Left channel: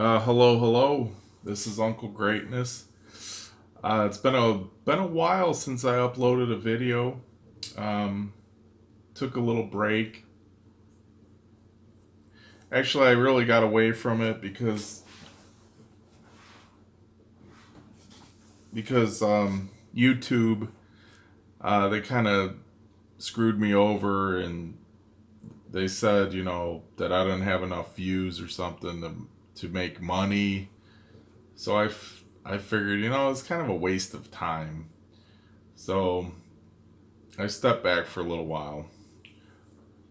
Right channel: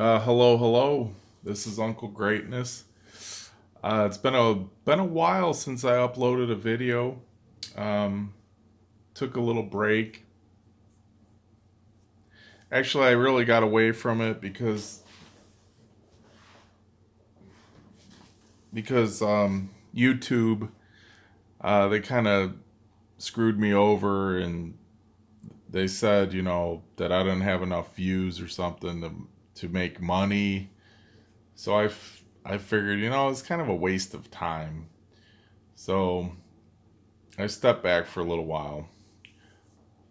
Hello. This is Uncle Greatness. It's been a while since I uploaded a video. Um, Took a little break. Actually, I really got away from it because YouTube they kind of screwed me over, and they said that I didn't have enough views or something to make money. So I figured it's kind of a waste of time. So I stepped back for a little while.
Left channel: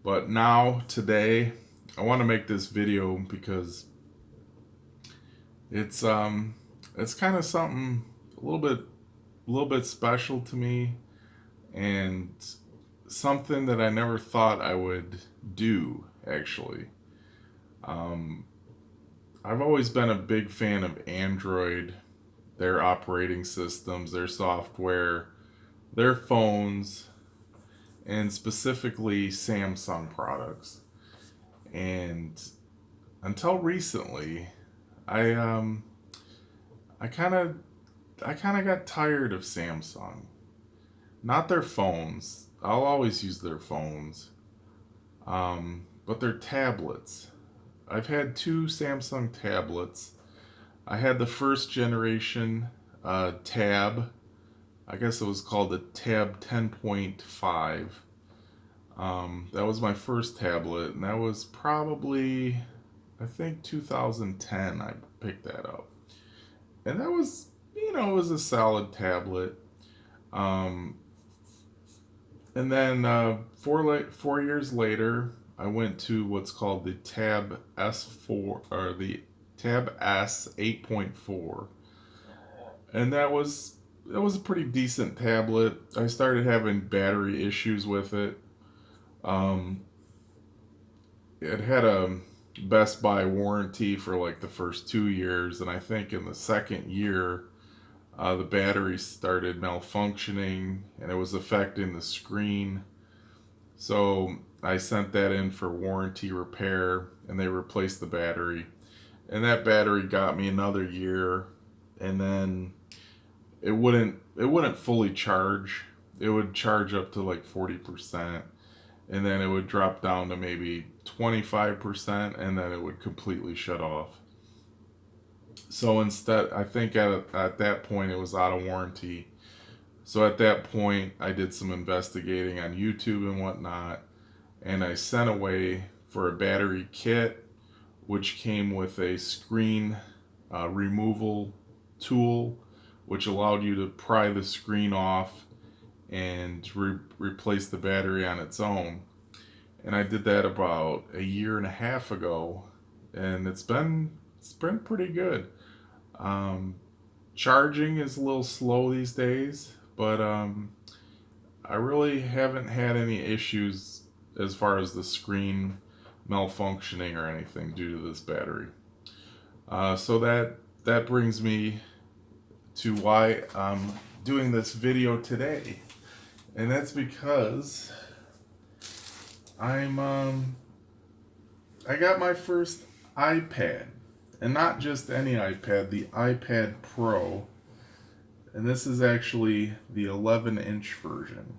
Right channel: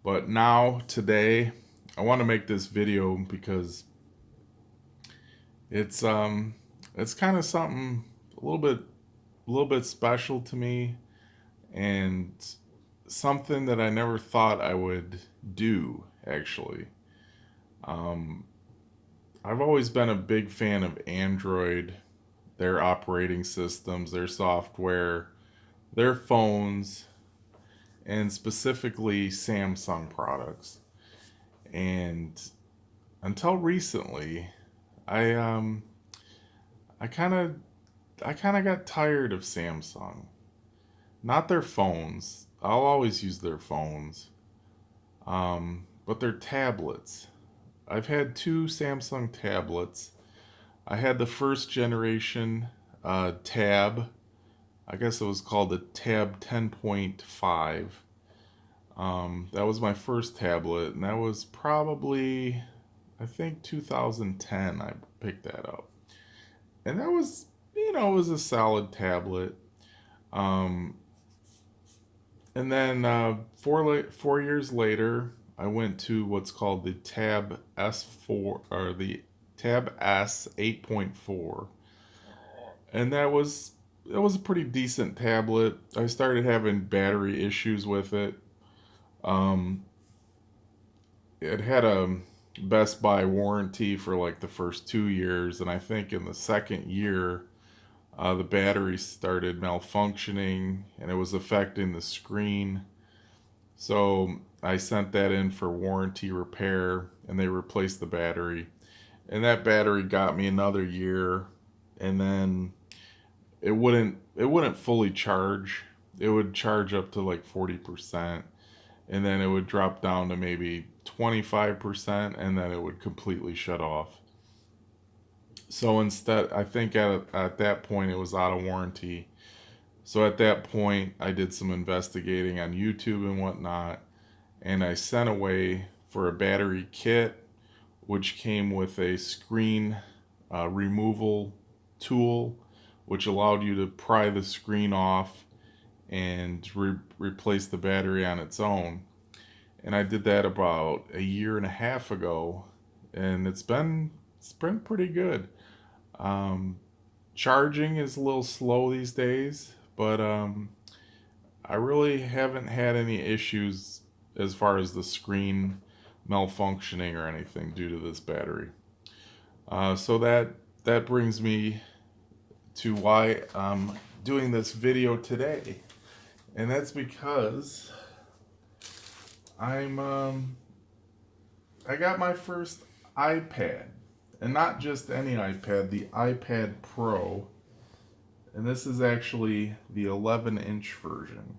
But now, today, I want to make this video because it's it's kind of something a little bit special to me, and something that I never thought I would do actually. Um, I've always been a big fan of Android, their operating systems, their software, their phones, and specifically Samsung products. And until recently, I um I kind of I kind of got tired of Samsung. Not their phones. I'll always use their phones. But their tablets. I've had two Samsung tablets. I had the first generation Tab. I guess it was called the Tab 10.5. That was my first tablet, and that was probably, I think, 2010. I picked that up, and that was, it was a solid tablet. Um, and then 4 years later, I went to what's called the Tab S4 or the Tab S 8.4, and that was a pretty decent tablet. I started having battery issues with it. Um, it had a Best Buy warranty for like the first 2 years, and I think in the second year, the battery started malfunctioning and it was affecting the screen. So I sent that in for warranty repair, and they replaced the battery. And that battery got me another year, and then it wouldn't fully charge. It would charge up to like 40%, and then it would drop down to maybe 25%, and then it would completely shut off. So instead, I think at that point it was out of warranty. So at that point, I did some investigating on YouTube and whatnot, and I sent away for a battery kit, which came with a screen removal tool, which allowed you to pry the screen off and replace the battery on its own. And I did that about a year and a half ago, and it's been pretty good. Um, Charging is a little slow these days, but I really haven't had any issues as far as the screen malfunctioning or anything due to this battery. So that brings me to why I'm doing this video today, and that's because I'm I got my first iPad, and not just any iPad, the iPad Pro, and this is actually the 11-inch version.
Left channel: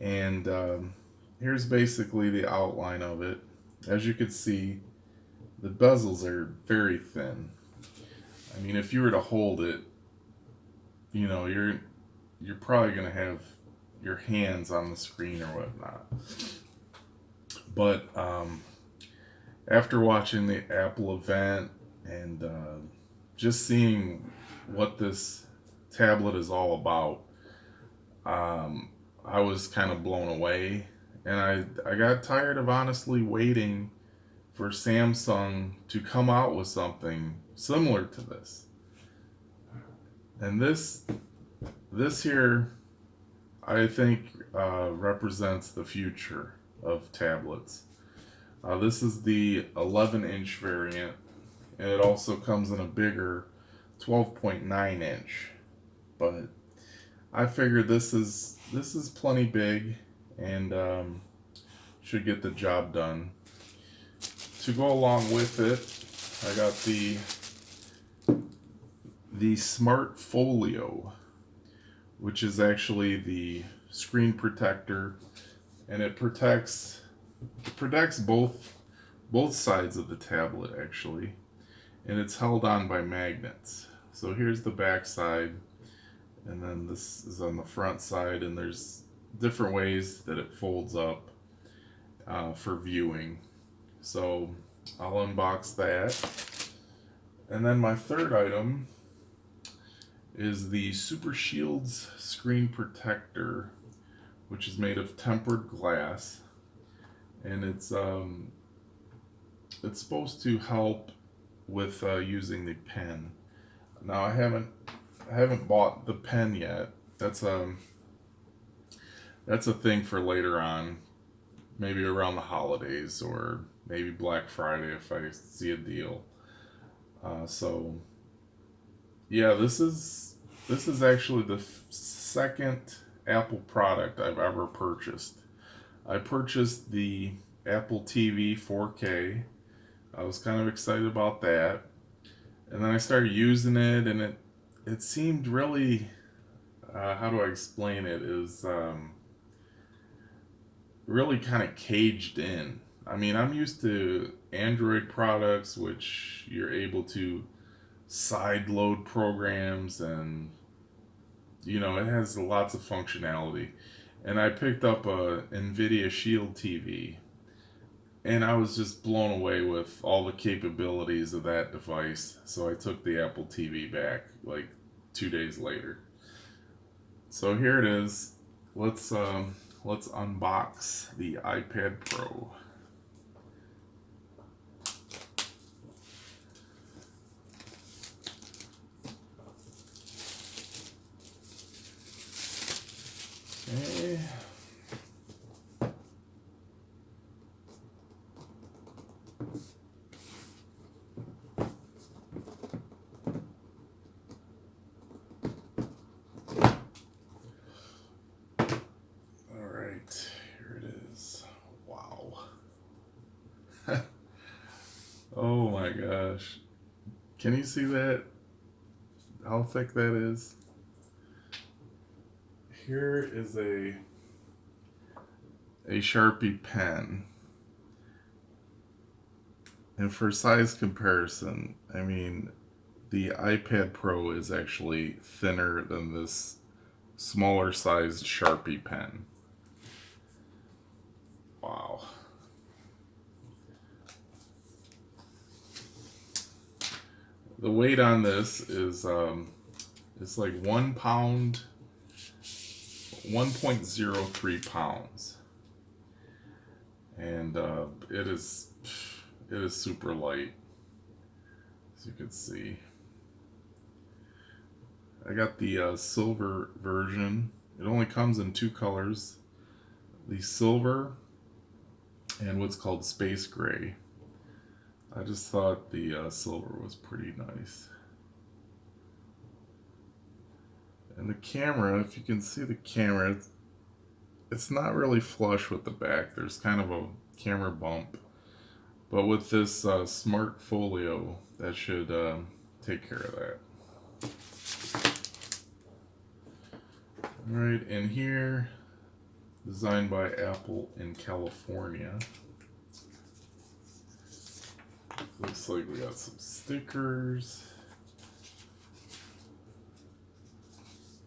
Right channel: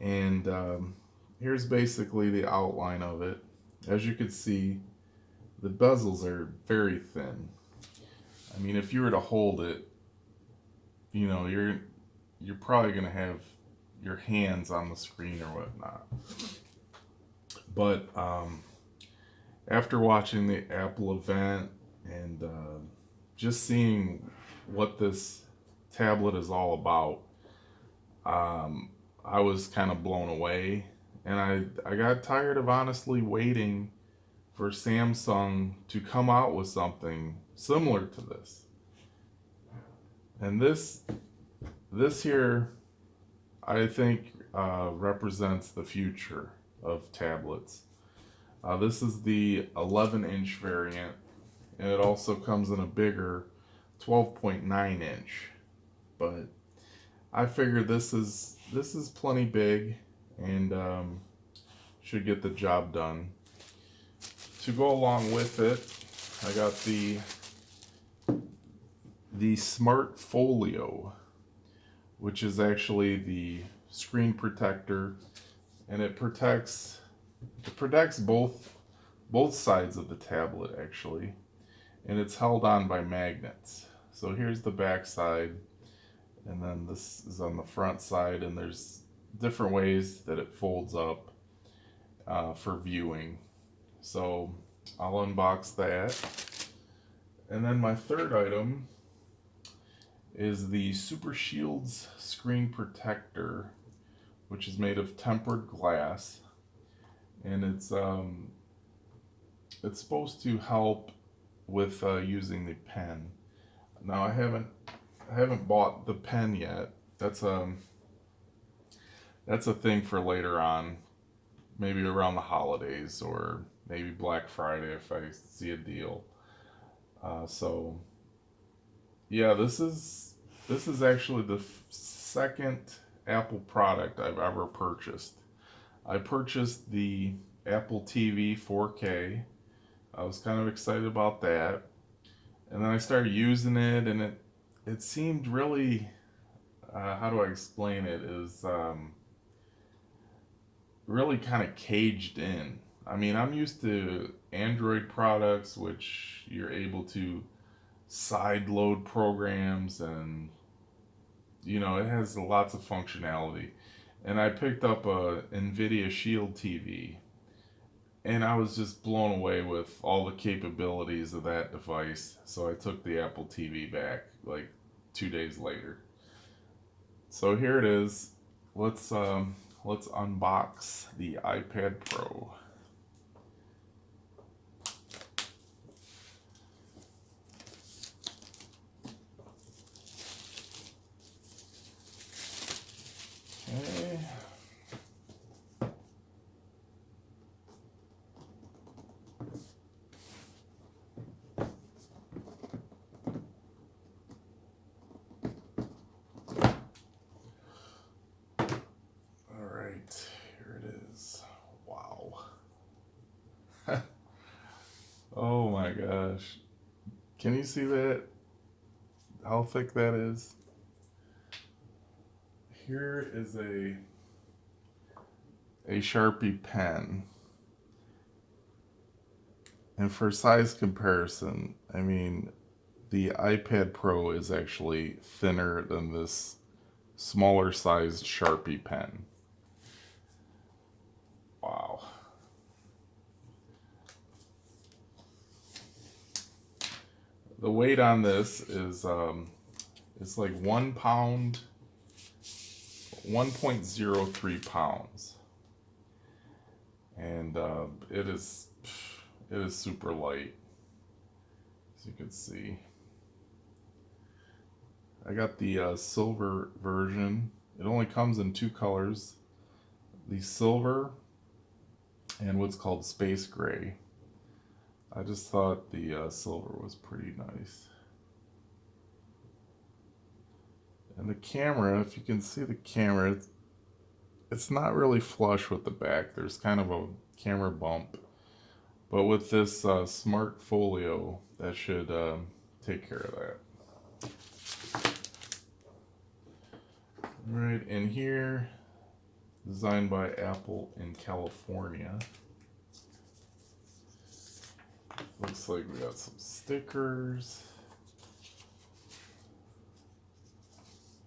And here's basically the outline of it. As you can see, the bezels are very thin. I mean, if you were to hold it, you're probably gonna have your hands on the screen or whatnot. But after watching the Apple event and just seeing what this tablet is all about, I was kind of blown away, and I got tired of honestly waiting for Samsung to come out with something similar to this. And this here, I think, represents the future of tablets. This is the 11-inch variant, and it also comes in a bigger 12.9-inch. But I figured this is plenty big, and should get the job done. To go along with it, I got the Smart Folio, which is actually the screen protector, and it protects both sides of the tablet actually, and it's held on by magnets. So here's the back side, and then this is on the front side, and there's different ways that it folds up for viewing. So I'll unbox that. And then my third item is the Super Shields screen protector, which is made of tempered glass, and it's supposed to help with using the pen. Now I haven't bought the pen yet. That's a thing for later on, maybe around the holidays or maybe Black Friday if I see a deal. So yeah, this is actually the second Apple product I've ever purchased. I purchased the Apple TV 4K. I was kind of excited about that, and then I started using it, and it seemed really, how do I explain it? Is really kind of caged in. I mean, I'm used to Android products, which you're able to side load programs, and it has lots of functionality. And I picked up a Nvidia Shield TV, and I was just blown away with all the capabilities of that device. So I took the Apple TV back like 2 days later. So here it is. Let's unbox the iPad Pro. Okay. All right, here it is. Wow. Oh my gosh. Can you see that? How thick that is? Here is a Sharpie pen. And for size comparison, I mean, the iPad Pro is actually thinner than this smaller sized Sharpie pen. Wow. The weight on this is it's like 1 pound, 1.03 pounds, and it is super light, as you can see. I got the silver version. It only comes in two colors: the silver and what's called space gray. I just thought the silver was pretty nice. And the camera, if you can see the camera, it's not really flush with the back. There's kind of a camera bump. But with this Smart Folio, that should take care of that. Alright, and here, designed by Apple in California. Looks like we got some stickers,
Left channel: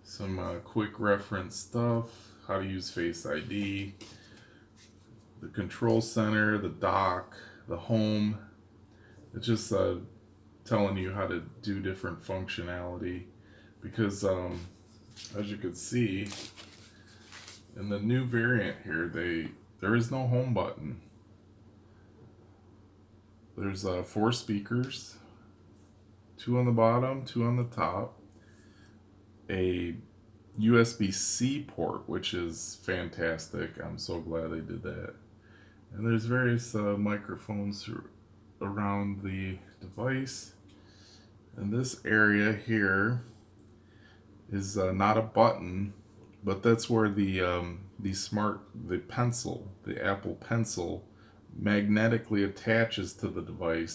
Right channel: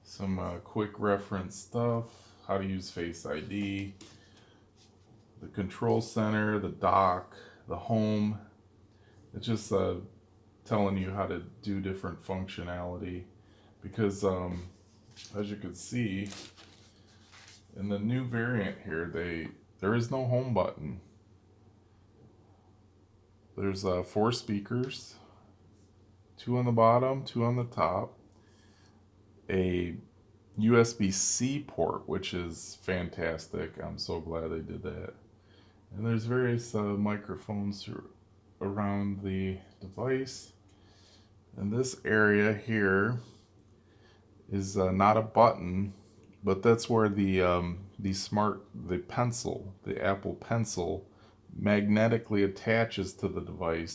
some quick reference stuff, how to use Face ID, the control center, the dock, the home. It's just telling you how to do different functionality, because as you can see in the new variant here, there is no home button. There's 4 speakers, 2 on the bottom, 2 on the top, a USB-C port, which is fantastic. I'm so glad they did that. And there's various microphones around the device. And this area here is not a button, but that's where the pencil, the Apple Pencil, magnetically attaches to the device